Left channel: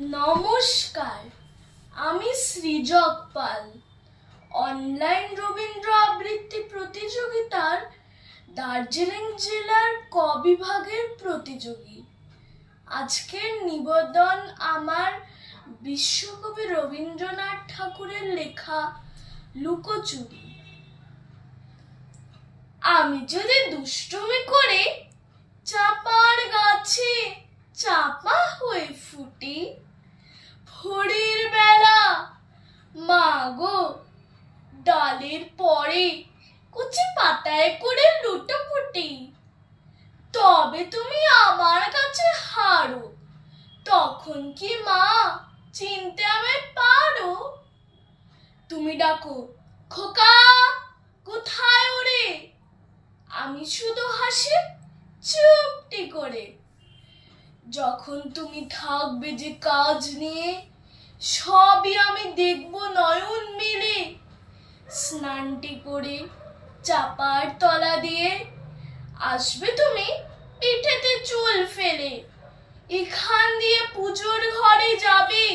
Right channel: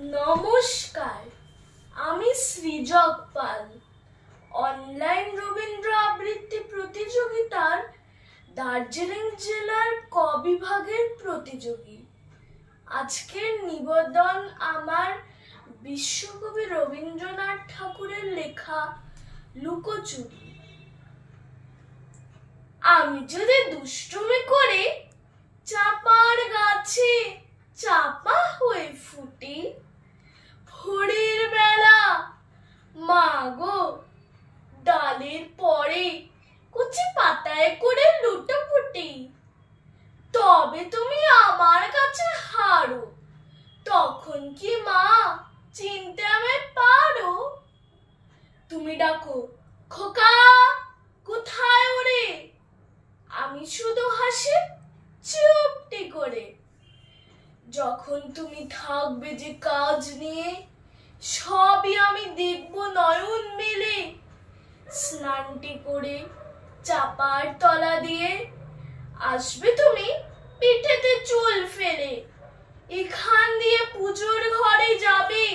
নমস্কার, আমি সৃজক পাল। অনলাইন রবীন্দ্র আবৃত্তি প্রতিযোগিতার দার্জিলিং জেলার ক বিভাগের প্রতিযোগী। আজকের নিবেদন আমার বিশ্বকবি রবীন্দ্রনাথ ঠাকুরের লেখা লুকোচুরি। আমি যদি দুষ্টুমি করে চাপার গাছে চাপা হয়ে ফুটি, ভোরের বেলা মা গো ডালের পরে কচি পাতায় করে লুটোপুটি, তবে তুমি আমার কাছে হারো, তখন কি মা চিনতে আমায় পারো? তুমি ডাকো খোকা কোথায় ওরে, আমি শুধু হাসি চুপটি করে। যখন তুমি থাকবে যে কাজ নিয়ে, সবই আমি দেখব নয়ন মেলে। স্নানটি করে চাপার তলা দিয়ে আসবে তুমি পিঠেতে চুল ফেলে। এখান দিয়ে পুজোর ঘরে যাবে,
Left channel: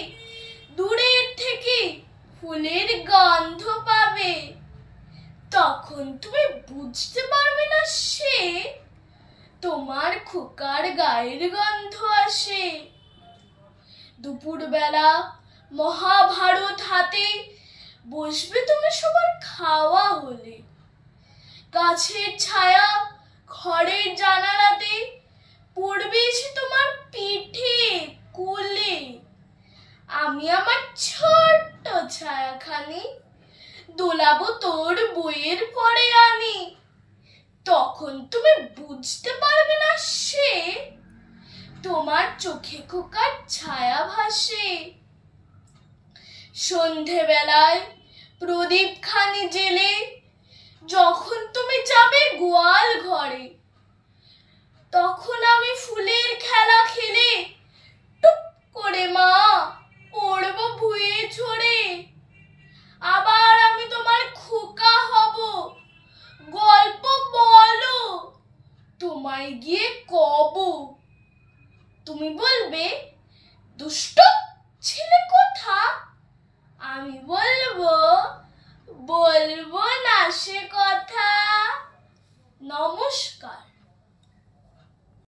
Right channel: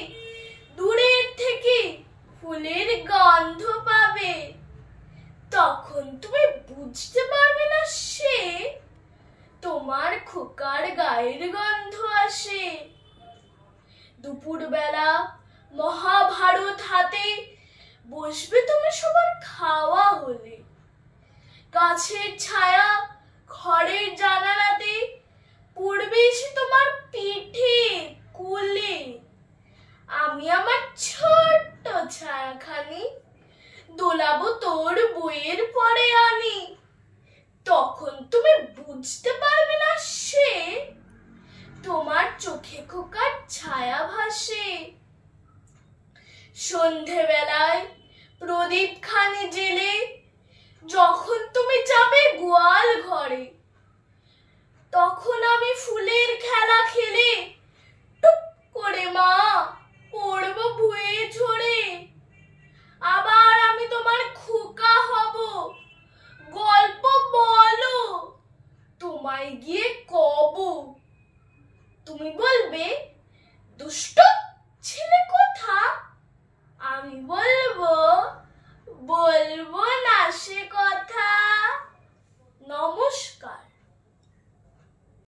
দূরের থেকে ফুলের গন্ধ পাবে। তখন তুমি বুঝতে পারবে না সে তোমার খোকার গায়ের গন্ধ আসে। দুপুর বেলা মহাভারত হাতে বসবে তুমি সবার খাওয়া হলে। গাছের ছায়া ঘরের জানালাতে পড়বে এসে তোমার পিঠে কোলে। আমি আমার ছোট্ট ছায়াখানি দোলাবো তোর বইয়ের পরে আনি। তখন তুমি বুঝতে পারবে না সে তোমার চোখে খোকার ছায়া ভাসে। সন্ধেবেলায় প্রদীপ খানি জেলে যখন তুমি যাবে গোয়াল ঘরে, তখন আমি ফুলের খেলা খেলে টুপ করে মা পড়বো ভুঁয়ে ঝরে। আবার আমি তোমার